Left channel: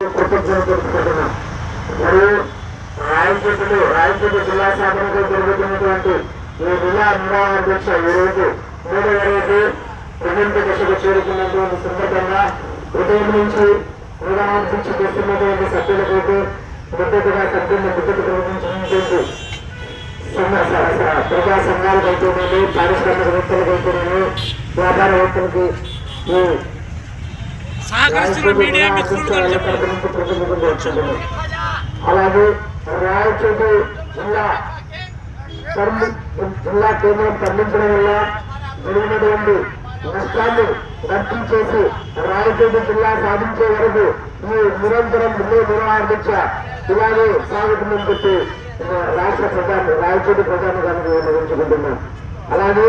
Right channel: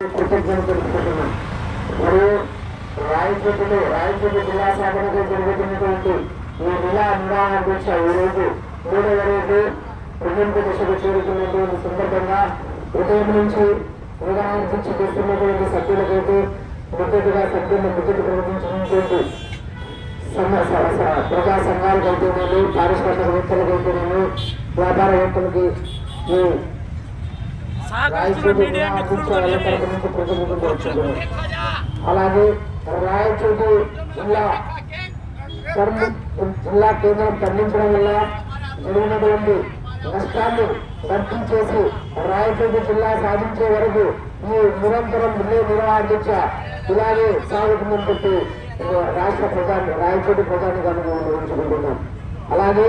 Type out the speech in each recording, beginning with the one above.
కృతజ్ఞతలు తెలుపుకుంటున్నాం మరియు రాయచోటులు రాయచోటు జిల్లా సాధనకు జరుగుతున్నటువంటి ఈ జిల్లా నిర్వహణ దీక్ష ఈరోజు మూడవ రోజు ముగింపు దశకు చేరుకున్నటువంటి సందర్భంగా ఉదయం నుంచి నిర్వహణ దీక్ష చేస్తున్నటువంటి సభ్యులకైతే మద్దతుగా సభ్యులను మద్దతు ప్రకటించినటువంటి సంఘ- స- స- ప్రజా సంఘాలకైతేనేమి పారిశ్రామికవేత్తలకైతేనేమి వ్యాపారవేత్తలకి అలాగే రాయచోటి జిల్లా జిల్లా కేంద్రం తరలించడం వల్ల జరిగినటువంటి నష్టాన్ని భర్తీ చేసి రాయచోటి జిల్లా సాధించే వరకు ఈ నిరంతరం నిర్వహణ దీక్ష ఇలాగే సాగుతుందని చెప్పి రాష్ట్ర ప్రజాన్ని రాయచోటి ప్రజాన్ని కనుక విన్నవించుకుంటున్నాం. అలాగే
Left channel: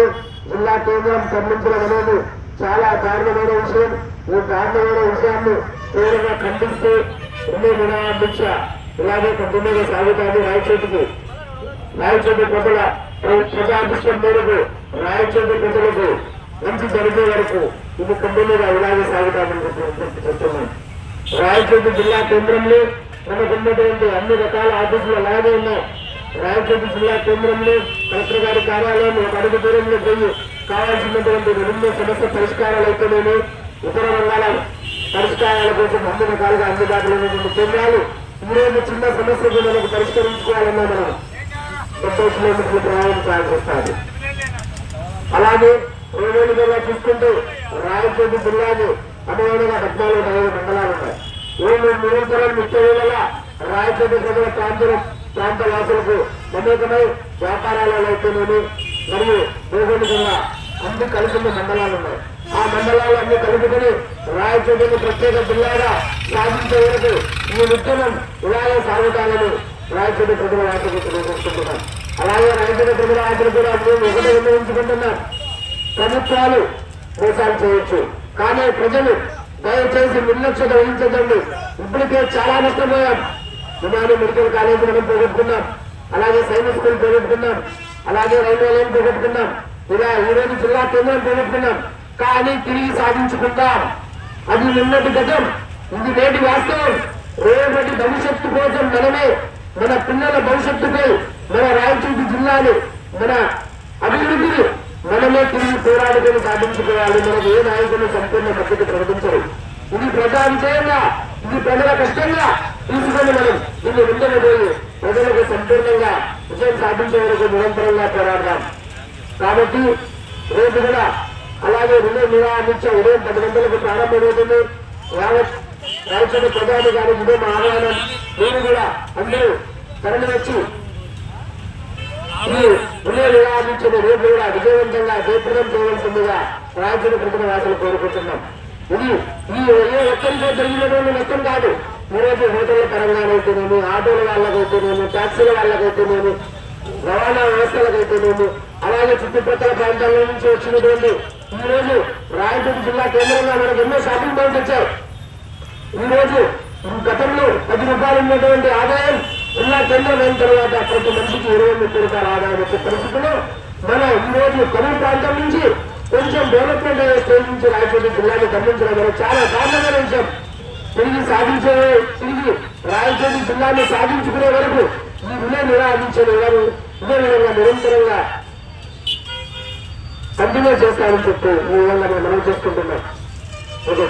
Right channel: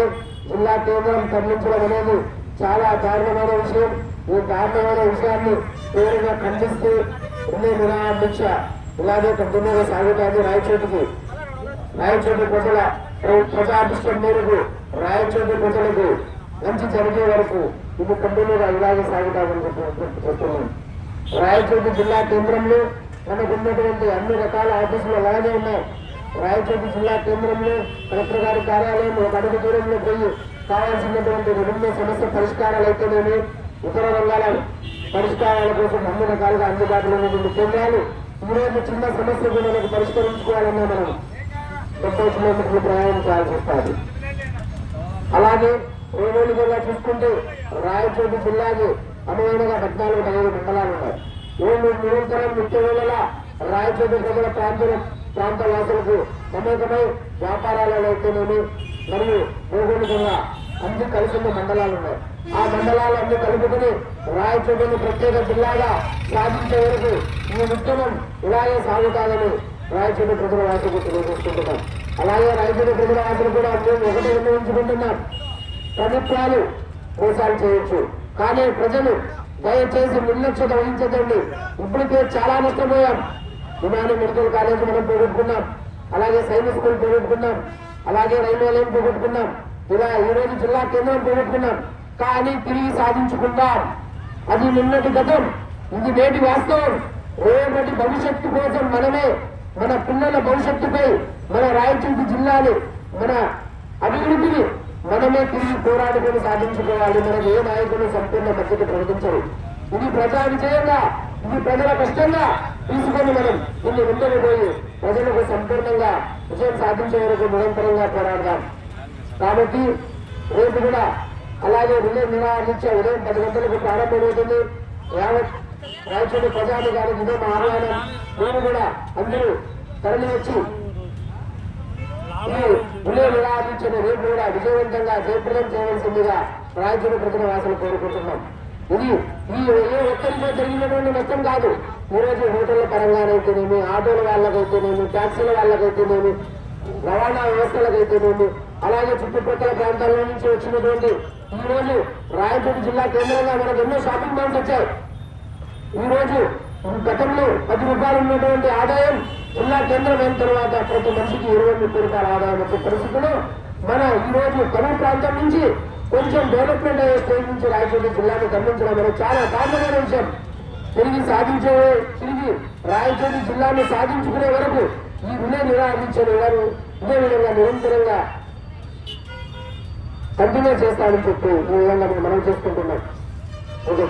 జిల్లా కేంద్రం తరలించడం అనేది చాలా దారుణమైన విషయం. ఈ దారుణమైన విషయాన్ని తీవ్రంగా ఖండిస్తూ ఎన్నో నిరాహార దీక్ష ఇలాగే కంటిన్యూగా సాగుతాన్ని రాయచోటికి రాయచోటి ప్రజల ప్రజాభిష్టం మేరకు రాయచోటి ప్రజలకు మంచి జరిగే వరకు ఇది కంటిన్యూగా ఇలాగే సాగుతామని చెప్తున్నాను. చెప్తున్నాం రాయచోటి జిల్లా కేంద్రంలో మనకు ఉన్నటువంటి అన్ని రకాల ఆఫీసులు అలాగే ఉన్నాయి. రాయచోటి జిల్లా కేంద్రంలో కలెక్టర్ గారి కార్యాలయం ఒక అడుగు దూరంలో పోయి కావాల్సినటువంటి విభిన్న సమస్య పరిష్కారాలు అయితేనేమి ఇతర రంగాల పరిష్కారాల కోసం అన్ని రకాలుగా అందుబాటులో ఉన్నటువంటి కేంద్రాలు ఈ రోజు చిన్న సమస్య మనకు పరిష్కరించుకోవాలన్నా మనం ముప్పై కిలోమీటర్లు ప్రయాణించాల్సి వస్తుంది. అలాగే రోడ్డుగా చూసుకుంటే రాయచోటి జిల్లాకు అనువైనగా పద్నాలుగు పదిహేను మండలాలు ఉన్నాయి. రోడ్లు నిరంతరం ముప్పై వేల రాయచోటి ప్రజల ప్రాంతాల ప్రాంత వాసులకు మమేకమై వ్యాపారాలలో అయితేనేమి మరియు భౌగోళికంగా అన్ని కలిసిన మండలాలు ఉన్నాయి. ఆ మండలాలు అన్ని కలుపుకొని రాయచోటిని ప్రత్యేక జిల్లాగా సాధించే వరకు ఈ విత్తనం ఇలాగే సాగుతాయని రాయచోటి ప్రజల వాసుకు తెలియజేసుకుంటున్నాం అలాగే రాయచోటి ప్రజల వాసులు కూడా మేము ఒకటి విన్నవించుకుంటున్నాం ప్రభుత్వాలు మోసాలు చేయొచ్చు. కానీ ప్రజలు దయచేసి నిర్లక్ష్యత వహించదండి ఇప్పటికే చాలా నష్టపోయాం. విమాని మెడికల్ కాలేజీ మనం పోగొట్టుకున్నాం. అలాగే సైనిక్ స్కూల్ పోగొట్టుకున్నాం. అలాగే రైల్వే లైన్ పోగొట్టుకున్నాం. ఇలా ఈ రోజు జిల్లా కేంద్రం పోగొట్టుకున్నాం కానీ తిరిగి సాధించుకుందాం. అది నిన్నటి గతం ఇది నేటి వాస్తవం. రేపటి భవిష్యత్తు కోసం మనమే మన పిల్లల భవిష్యత్తుపై మన రాయచూటి జిల్లాలు మన అభివృద్ధిని మనమే తిరిగి పోరాడుకొని సాధించుకోవాలి. మనకు ఏ నాయకులు సంపూర్ణ మద్దతు ప్రకటించరు. ఇది ప్రజా విజయంగా ఇది ప్రజల కష్టంగా తీసుకొని మనం దీన్ని ముందుకు పోయి ప్రజలకు సంపూర్ణంగా విజయం సాధించే వరకు నిరంతరంగా పోరాడదాం. కాబట్టి రేపు కూడా అలాగే రిలే నిరాశించే ఉదయం పది గంటలకు ప్రారంభమవుతుంది. యావత్ రాయచోటి ప్రజాధికారికి ఇదే మా ఆహ్వానం నేను కూడా అందరూ తరలి వచ్చి ఈ రిలే నిరాశించిన రేపు కూడా విజయవంతంగా జయప్రదం చేయవలసిందిగా రాయచోటి ప్రజల వాసులు కోరుకుంటున్నాం. ఇది ఈ ఏ ఒక్కరితో జరిగినటువంటి నష్టం కాదు. ఈరోజు హోటళ్ళ పరంగానైతేనేమి ఆటోల వాళ్ళకైతేనేమి ట్యాక్సీల వాళ్ళకైతేనేమి రవాణా వ్యవస్థలకైతేనేమి అలాగే చుట్టుపక్కల ప్రాంతాల నుంచి వచ్చినటువంటి ఈ రోజు రాయచోటి జిల్లా కేంద్రంగా మనకు ఎన్నో షాపింగ్ మాల్స్ వచ్చాయి. ఈ రోజు గతంలో పది రూపాయలు ఉన్నటువంటి ఆదాయం జిల్లా కేంద్రం అయిన తర్వాత ప్రతి మనిషికి ఇరవై ముప్పై రూపాయల ఆదాయం వచ్చే పరిస్థితిలో మన ఈ రోజు కరువు ప్రాంతం నుంచి కొంచెం డెవలప్మెంట్ అయ్యే స్టేజ్ నుంచి రాయచోటి జిల్లాని గమనించడం అనేది చాలా దారుణమైన విషయం. తిరిగి సాధించే తిరిగి రాయచోటి జిల్లాని సాధించుకునే వరకు ఈ విలే నిరాధించే వారు ఇదే విధంగా నిరంతరంగా కంటిన్యూ చేస్తామని చెప్పి ఈ విధంగా మేము మనం చేసుకుంటున్నాం. ఓకే